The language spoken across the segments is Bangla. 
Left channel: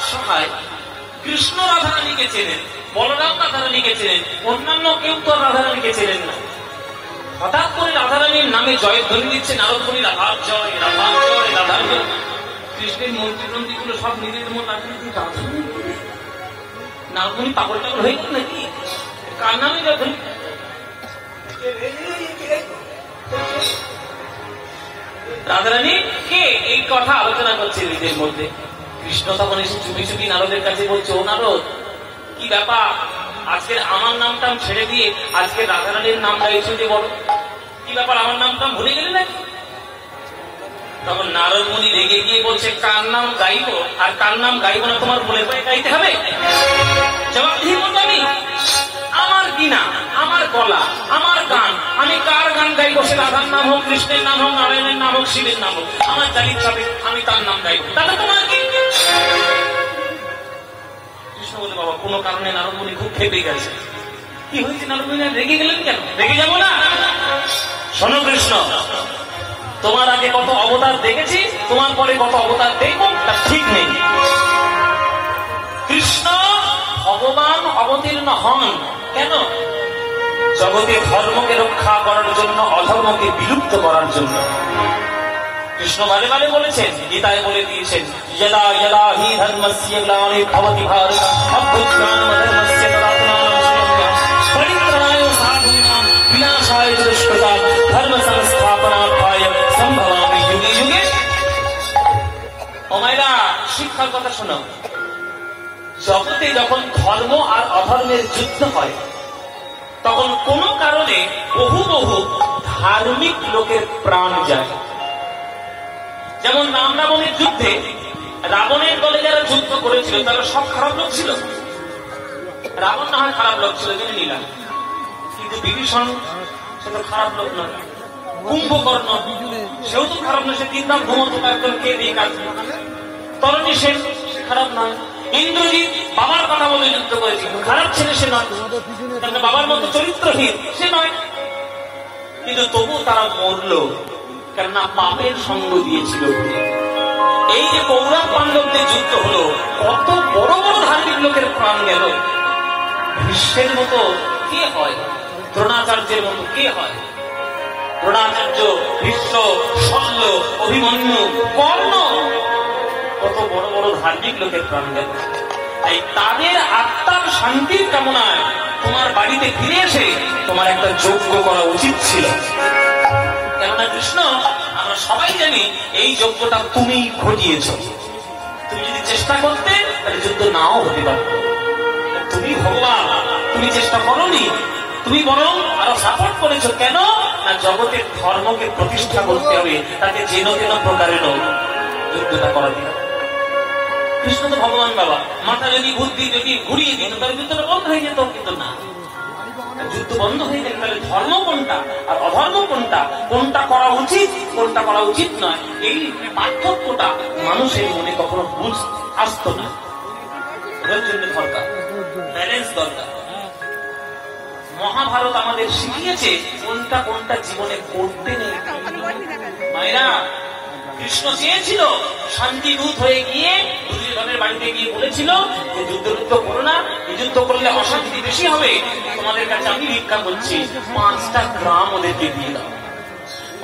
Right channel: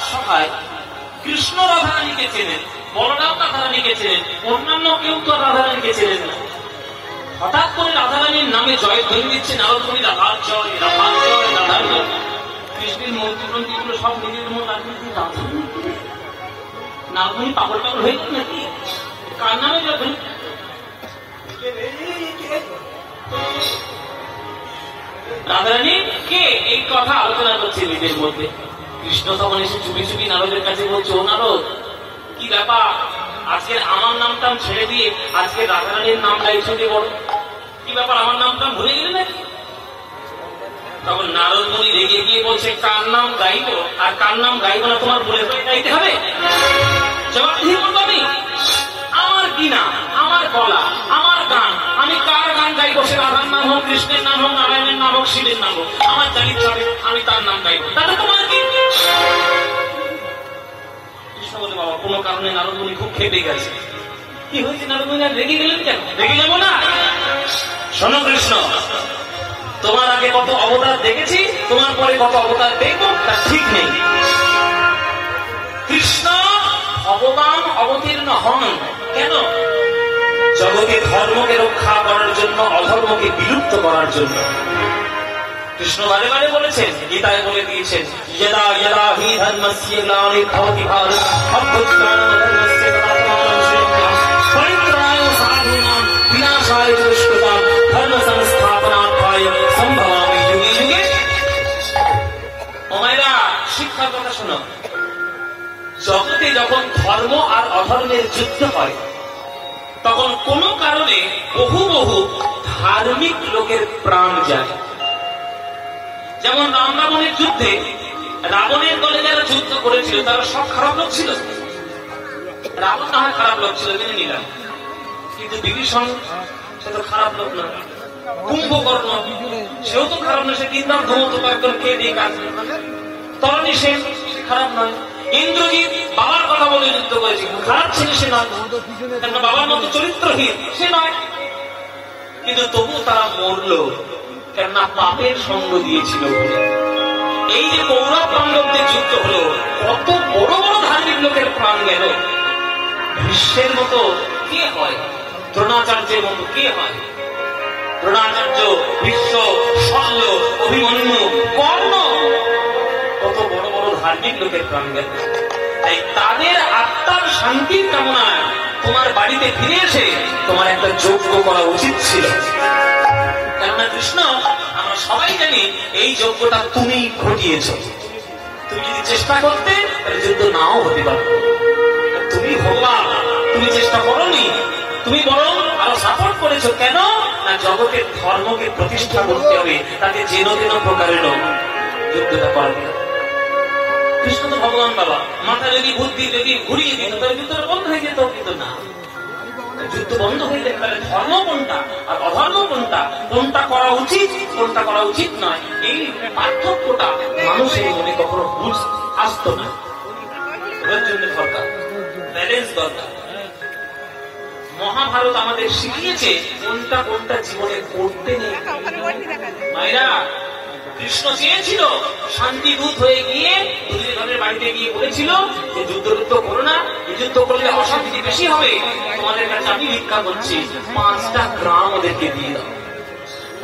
রাজসভায় কৃষ্ণ রাধারানীকে চেনেন, বলরাম রাধারানীকে চেনেন, অন্যান্য কেউ তো রাধারানীকে চেনেন না। হঠাৎ করে রাধারানীর নামে জয় ধ্বনি দিচ্ছে নারদমণি, রাধার জয়, রাধার জয়, রাধার জয়। কৃষ্ণের মন্ত্রী মন্ত্রীগুলো সব নিজের মন নারদমণি পাগল পাগল হয়ে গেল নাকি? কার নামে যখন রাধারানী কে এই কথা আলোচনা করছে নিজের মধ্যে। কৃষ্ণ তখন এসে চুপি চুপি নারদের কাছে বলছে, ও নারদ, কি ব্যাপার, আজকে আমার নামটা ছেড়ে দিয়ে আজকে রাধারানীর নাম গাইছো যে বলো, কি ব্যাপার, আমার নামটা ভুলে গেলে নাকি? তখন নারদ মুনি রেগে গিয়ে বলছে, কার নাম গাইবো আর কার নাম গাইবো না তোমার মনে করে গাইতে হবে? জবাব দিয়ে বলবো আমি, আমার কি নাম, আমার গলা, আমার গান, আমি কার গান গাইবো? সে রাধার নাম হোক, কৃষ্ণের নাম হোক, নারায়ণের নাম হোক, শিবের নাম হোক, আমার জানির চাপে আমি তার নাম গাইবো, তাহলে তোমার কি? কৃষ্ণ বলছে, বাবা কোনো কারণে নারদ মুনি খুব খেপে গেছে। কি হয়েছে নারদ মুনি, রেগে গেলেন কেন? রেগে যাবো না। শোনো কৃষ্ণ, তোমার আগে কত অবতার দেখেছি, তোমার পরে কত অবতার দেখবো তা ঠিক নেই। কৃষ্ণ ভগবান অবতীর্ণ হন কেন? জগতে ধর্মকে রক্ষা করার জন্য, অধর্মকে বিলুপ্ত করার জন্য। কৃষ্ণ বারে বারে বলেছেন, গীতায় বলে দিয়েছেন, যদা যদা হি ধর্মস্য গ্লানির্ভবতি ভারত অভ্যুত্থানমধর্মস্য তদাত্মানমস্য পরিত্রাণায় সাধূনাং বিনাশায় চ দুষ্কৃতাং ধর্ম সংস্থাপনার্থায় সম্ভবামি যুগে যুগে। ও মায়েরা, শিক্ষার কথা শুনো। জগতে যখন ধর্ম আর অধর্মের যুদ্ধ হয়, তখন কোন কারণে বহু বহু ধার্মিক লোকের প্রাণ যায়। যেমন রাম রাবণের যুদ্ধে রাবণের দলে যারা যুদ্ধ করেছিল তারা সব খারাপ লোক ছিল। রাবণ না হয় খারাপ লোক ছিল, মেনে নিলাম, কিন্তু বিভীষণ সে তো খারাপ লোক নয়। কুম্ভকর্ণ সেও তো খারাপ না, সে তিনবার ঘুমন্ত একদম খেয়ে দিয়ে কাজ। তরণী সে খারাপ নয়। ইন্দ্রজিৎ বাবার কথা বলে যুদ্ধ করেছে, খারাপ ছেলে সে নয়, কেন বাবার মতো চরিত্রহীন সে নয়। কিন্তু তবু তারা মরল, কেননা পাপের সঙ্গ দিয়েছিল বলে। এই যে কৌরব পাণ্ডবদের যুদ্ধ হলো, কত বড় বড় ধার্মিক লোকের প্রাণ গেল। ভীষ্মের মতো কে হয়, দ্রোণাচার্যের মতো কে হয়? দ্রোণাচার্য, ভীষ্ম, শল্য, অভিমন্যু, কর্ণ, কত বড় বড় ধার্মিক লোকের প্রাণ গেল। তাই তাদের আত্মার শান্তির কামনায় তোমার বাড়িতে ফিরে এসে তোমার একটা যজ্ঞ করা উচিত ছিল। কেননা কৃষ্ণ, আমরা সবাই জানি এই যজ্ঞটা তুমি ঘটিয়েছ। তুমি যদি চেষ্টা করতে তাহলে যজ্ঞ নাও হতে পারত। তুমি ভগবান, তুমি চেষ্টা করোনি, তুমি বরং আরো সাপোর্ট করেছো। কেন না জগতের ধর্মকে প্রতিষ্ঠা করতে হবে, তাকে যেন যেন প্রকারের যুদ্ধটা করাতে হবে। কৃষ্ণ তো ভগবান বাবা, মাথা যদি বুদ্ধি যদি ঘুরিয়ে দিত তাহলে যুদ্ধটা বন্ধ হয়ে যেত, কিন্তু না, যুদ্ধ বন্ধ হয়ে যেত। তাহলে ধর্ম কোনটা আর অধর্ম কোনটা, কোনটা করা উচিত কোনটা করা উচিত নয়, এই পার্থক্যটা মানুষের মনে কখনো বুঝ আসত না। এর জন্য দরকার ব্যালেন্স দরকার। মহাভারত আমাদের শিখিয়েছে কোনটা কোনটা জীবনে করতে নেই। মায়েরা, কৃষ্ণ চেয়েছিল শান্তিদূত হয়ে গিয়ে দুর্যোধনের বাড়িতে গিয়ে বলেছিল যে যুদ্ধ যুদ্ধ করো না, এই যুদ্ধ করলে অশান্তি বেশি হবে, তোমাদের কাছে আমি ভিক্ষা করছি, 5টা গ্রাম ওদেরকে দিয়ে দাও।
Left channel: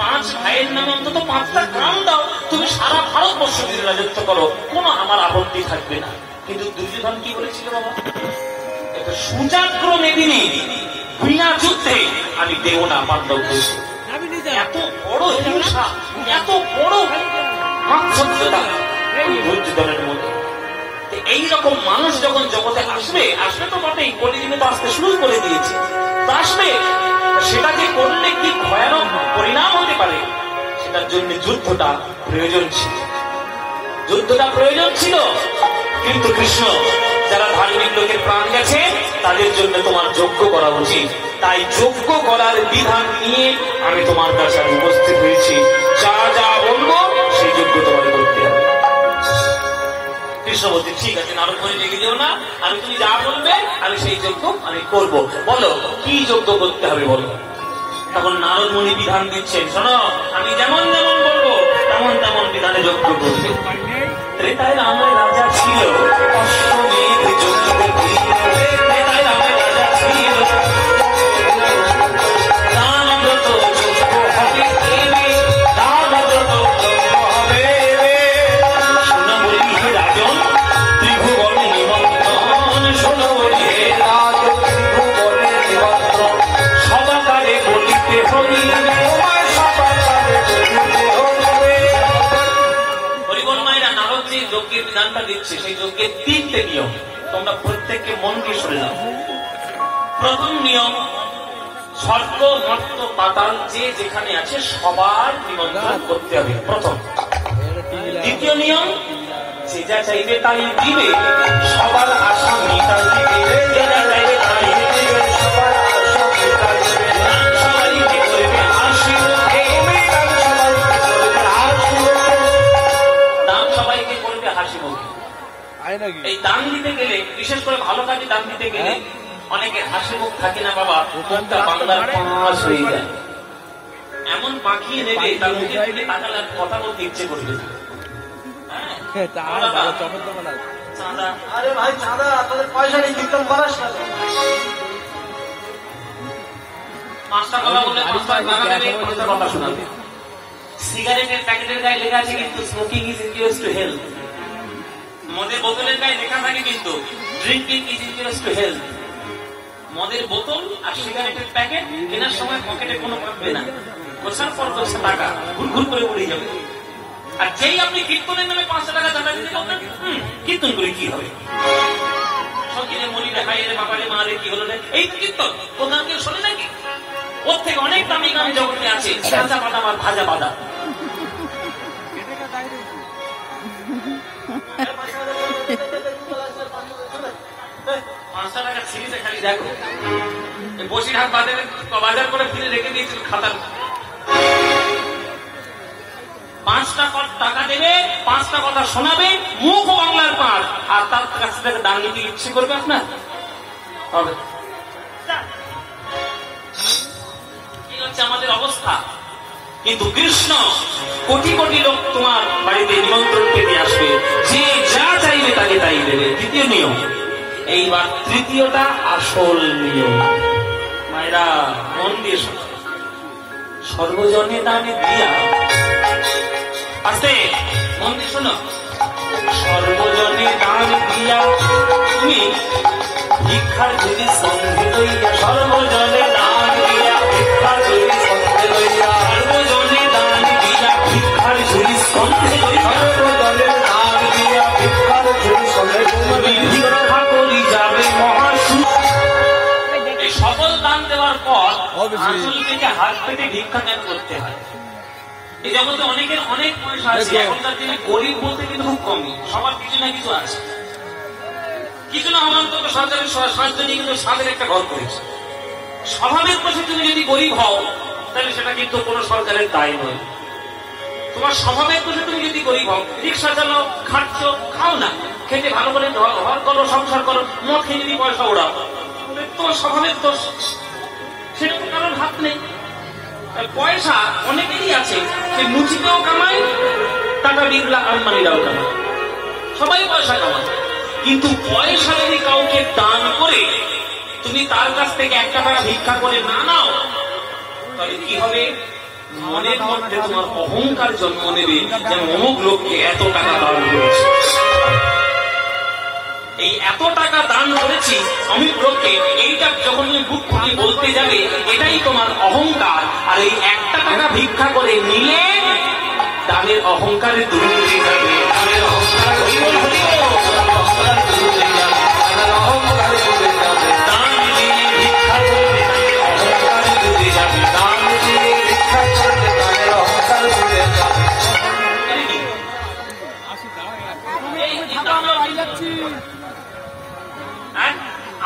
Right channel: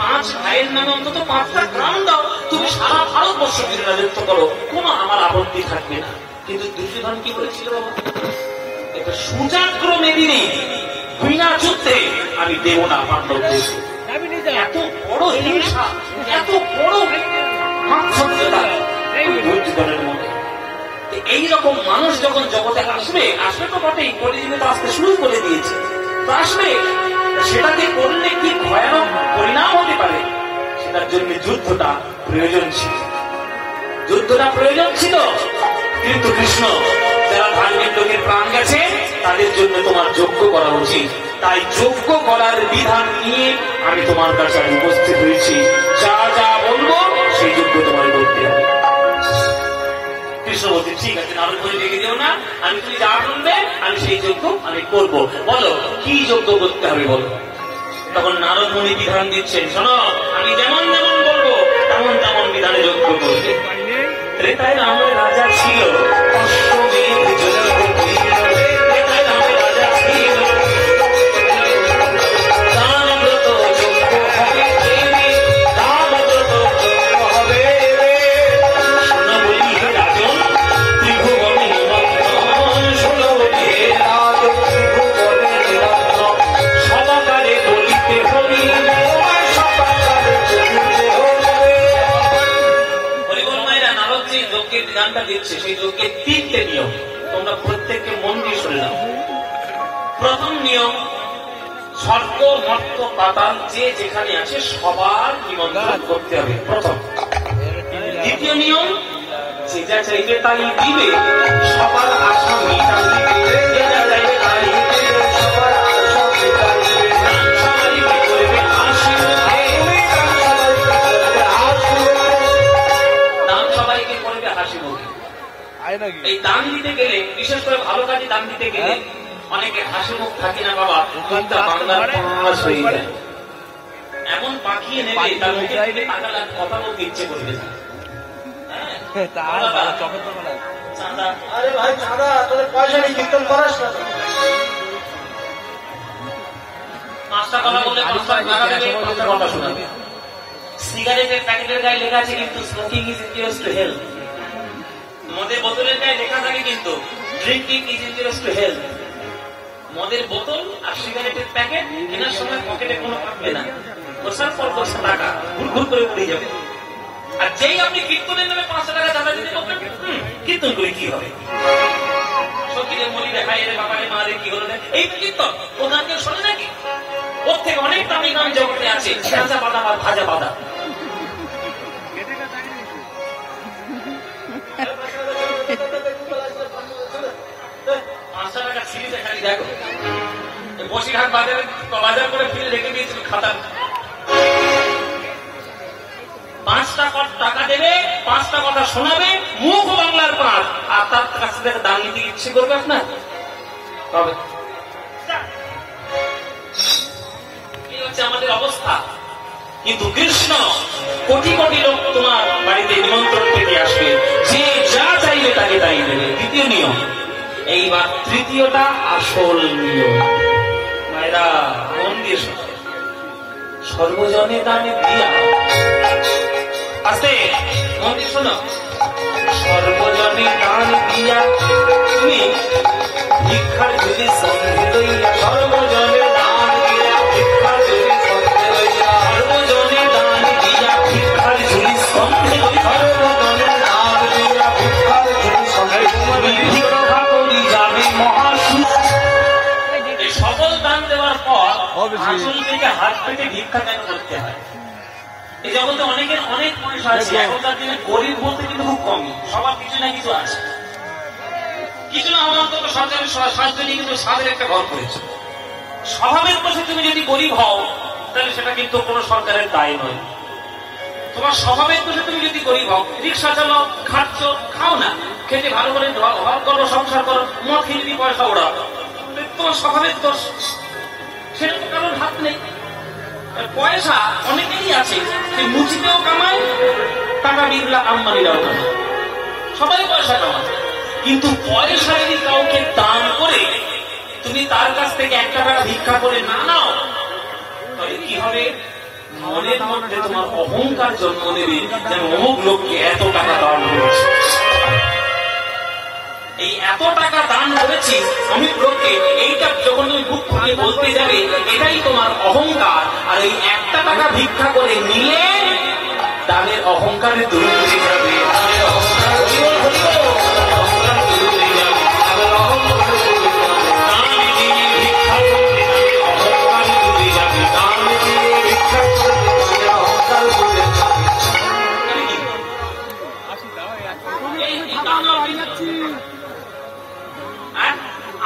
5 ভাইয়ের নামে অন্তত 5টা গ্রাম দাও, তুমি সারা ভারতবর্ষ জুড়ে রাজত্ব করো, কোনো আমার আপত্তি থাকবে না। কিন্তু দুর্যোধন কি করেছিল বাবা? একটা সুজাগ্র মেদিনী বিনা যুদ্ধে আমি দেব না আমার উদ্দেশ্য। এত বড় হিংসা, এত বড় দুর্যোধনের মতো। এইরকম মানুষ যখন জগতে আসবে, আসবে তো বটেই, কলিযুগে তো আসতে শুরু করে দিয়েছে, তো আসবে। সেটা যে করলে কি ভয়ানক পরিণাম হতে পারে, সেটার জন্য যুদ্ধটা প্রয়োজন ছিল, যুদ্ধটা প্রয়োজন ছিল। কিন্তু কৃষ্ণ, যারা ধার্মিক লোকের প্রাণ গেছে তাদের জন্য তোমার যজ্ঞ করা উচিত। তাই যজ্ঞ করার বিধান নিয়ে আমি তোমার কাছে উপস্থিত হয়েছি। যা যা বলবো সেই যজ্ঞ তোমার করতে হবে। কৃষ্ণ বলছে, ঠিক আছে, নারদ মুনি ডেকে দিও না, আমি তুমি যা বলবে আমি সেই যজ্ঞ আমি করবো। বলো কি যজ্ঞ করতে হবে বলো। তখন নারদ মুনি বিধান দিচ্ছেন, শোনো, আমি যেমন যেমন বলবো তেমন তেমন বিধানে যজ্ঞ করবে। ত্রেতায় রামের রাজা ছিল অশ্বমেধ যজ্ঞ করিল। ত্রেতায় রামের রাজা ছিল দানব্রত যজ্ঞ হবে এবে, দানব্রত যজ্ঞ হবে এবে। শোনা বলি হে রাজন ত্রিভুবনে নিমন্ত্রণ, শোনো বলি হে রাজন ত্রিভুবনে নিমন্ত্রণ। সদাকারে বলিতে হরি যজ্ঞের বিধানটা দিচ্ছে, সেই যজ্ঞের 3টে নিয়ম তোমরা প্রত্যেককে মন দিয়ে শুনে নাও। প্রথম নিয়ম, স্বর্গ মর্ত পাতাল যে যেখানে আছে সবার নিমন্ত্রণ করতে হবে, প্রথম। দ্বিতীয় নিয়ম, যে যা চাইবে তাই দিবে, সবার আশা মিটাইবে। যে যা চাইবে তাই দিবে, সবার আশা মিটাইবে। সবাইকে করবে হাসিমুখে, সবাইকে করবে হাসিমুখে। এই দান দিতে গেলে, বিশেষ করে ভালো কাজে দান দিতে গেলে অনেকে হাসিমুখ থাকে না বাবা, বাংলার পাঁচ হয়ে যায়। এমন পাঠিয়ে নেবে তার মুখে কথা বলতে ইচ্ছে করবে। আরে ভাই চাঁদা, তোদের পয়সা নেই, কীর্তন করাস না। 5 টাকা বলে কথা শোনাবে। সিগারেটের প্যাকেটের গায়ে লেখা আছে কিন্তু smoking is injurious to health. মদের বোতলের গায়ে লেখা থাকে কিন্তু drinking is injurious to health. মদের বোতল আর সিগারেটের প্যাকেট কেনার সময় পকেটে কোনো থাকবে না, বছর পর বছর টাকা ঘুরঘুর করে উড়ে যাবে। আর যেই আপনি কীর্তনের নামে 500 টাকা জমা দিতে পারবেন, কীর্তন করে কি হবে? সত্যিরে মলি দেখায় রে বাবারে মারে কি হলো না, এই তো কীর্তন। ও গানকে শোনে নাকি? ওর থেকে অনেক দামি গান জগতে আছে, ভাজা বাদাম আর ভাজা বাদাম। টাকা সিরিজে খালি দেখো, বসিরহাট বাজারে বাজার করে ফিরে রেখে দিয়েছিল খাতা। 5 টাকা দেবে, 5টা কথা শোনাবে, মুখ বাংলার পাঠ, আর তার কাছ থেকে দান নিতে ইচ্ছে করবে আপনার হবে। এই হচ্ছে আমাদের অবস্থা। কিন্তু কৃষ্ণ কোটি কোটি লোক তোমার বাড়িতে নিমন্ত্রণ পেতে আসবে, যে যা চাইবে তাকে তাই দেবে। দ্বিতীয় নিয়ম। এইবার তৃতীয়টা আসল নিয়ম। মায়েরা মন দিয়ে সর্বজনে দানে দিয়া, আসতে মন দিয়ে শোনো, সর্বজনে দান দিয়া তুমি ভিক্ষার যদি সন্ধে লইয়া, সর্বজনে দান দিয়া ভিক্ষার যদি সন্ধে লইয়া, সর্বজনে দান দিয়া ভিক্ষার যদি সন্ধে লইয়া, সর্বজনে দান দিয়া ভিক্ষার যদি সন্ধে লইয়া, ভিক্ষা করি যাবে মহাসু। এই সকল দান দেওয়ার পর আসল থেকে হাত পেতে ভিক্ষা দান করতে হয়। এই জগতে অনেকের অনেক পয়সা আছে, এখনকার দিনে গরিব বলতে কিন্তু খুব কমই, সবার কিছু না কিছু আছে। কিছু না আমার তো সরকারের সাহায্য নিয়ে কিন্তু সাদের একটা ঘর করেছে। স্বভাবের কাছে তুমি যদি গরিব হও তাহলে সেটা কিন্তু কোনো সরকারের দায় নয়। তোমার স্বভাবের কাছে তুমি যদি গরিব হও, রিক্সা চালাও, খাচ্ছ, খাও না, খেতে ভালো করে ঘর করো, সংসার করো, মদ খেয়ে যদি পয়সা ওড়া, তোমার স্বভাবের দোষ, সেটা তো কারোর হাত নেই। পয়সা অনেকেরই আছে, মুচিতেও কামায়, টাকা বিগলা আলমারিরাও কামায়, সবাই পয়সা কামায়। কিন্তু পয়সা যদি কাউকে দান করে তুমি তার কাছ থেকে 1 টাকা ভিক্ষা করে না নাও, তাহলে কি হবে? মনের মধ্যে তোমার অহংকার জন্ম নেবে, যেন অমুক লোককে এত টাকা দান করেছে, এই এত টাকা দান করেছি অমুক লোককে, এইটা যখন তুমি বুক ফুটে বলতে যাবে, এটাই তোমার অহংকার। আর এই 1 টাকা ভিক্ষা করে নিলে তাদের অহংকারে দূর হয়ে যাবে, তাদের অহংকার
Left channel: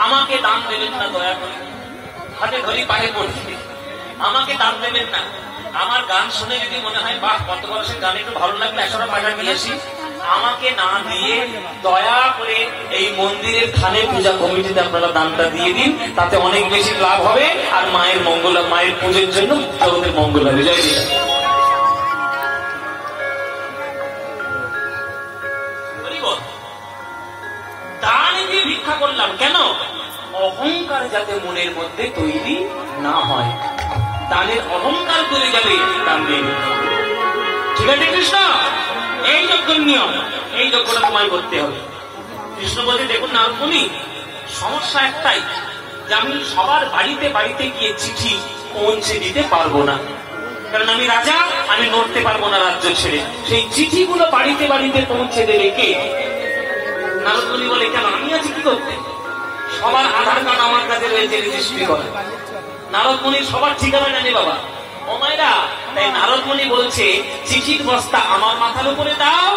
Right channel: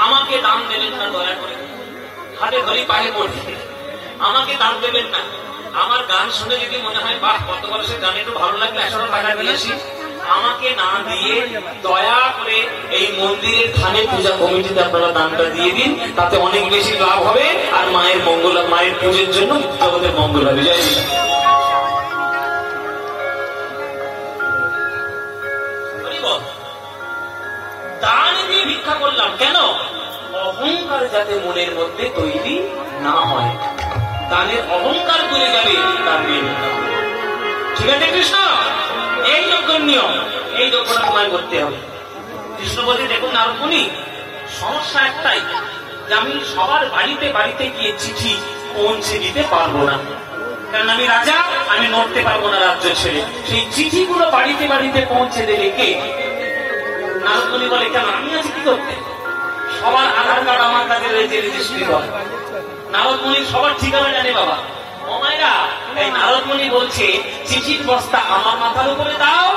আমাকে দান দেবেন না, দয়া করে হাতে ধরি পায়ে পড়ছি, আমাকে দান দেবেন না। আমার গান শুনে যদি মনে হয় বাহ কত বয়সের গান একটু ভালো লাগলে 100 টাকা দিয়েছি, আমাকে না দিয়ে দয়া করে এই মন্দিরের থানে পূজা কমিটিতে আপনারা দানটা দিয়ে দিন, তাতে অনেক বেশি লাভ হবে। আর মায়ের মঙ্গল, মায়ের পুজোর জন্য জগতের মঙ্গল হবে। জয় বল, দান দিয়ে ভিক্ষা করলাম কেন? অহংকার যাতে মনের মধ্যে তৈরি না হয়, দানের অহংকার করে যাবে, দান দিয়ে ভিক্ষা করবে। ঠিক আছে কৃষ্ণ, এই যজ্ঞের নিয়ম, এই যজ্ঞটা তোমায় করতে হবে। কৃষ্ণ বলছে, দেখুন নারদমুনি, সমস্যা একটাই যে আমি সবার বাড়িতে বাড়িতে গিয়ে চিঠি পৌঁছে দিতে পারবো না, কারণ আমি রাজা, আমি নড়তে পারবো না রাজ্য ছেড়ে। সেই চিঠিগুলো বাড়িতে বাড়িতে পৌঁছে দেবে কে? নারদমুনি বলে, কেন আমি আছি কি করতে? সবার আধার কার্ড আমার কাছে রয়েছে, রেজিস্ট্রি করে। নারদমুনি সবার ঠিকানা জানে বাবা। ও মায়েরা, তাই নারদমুনি বলছে, চিঠির বস্তা আমার মাথার উপরে দাও,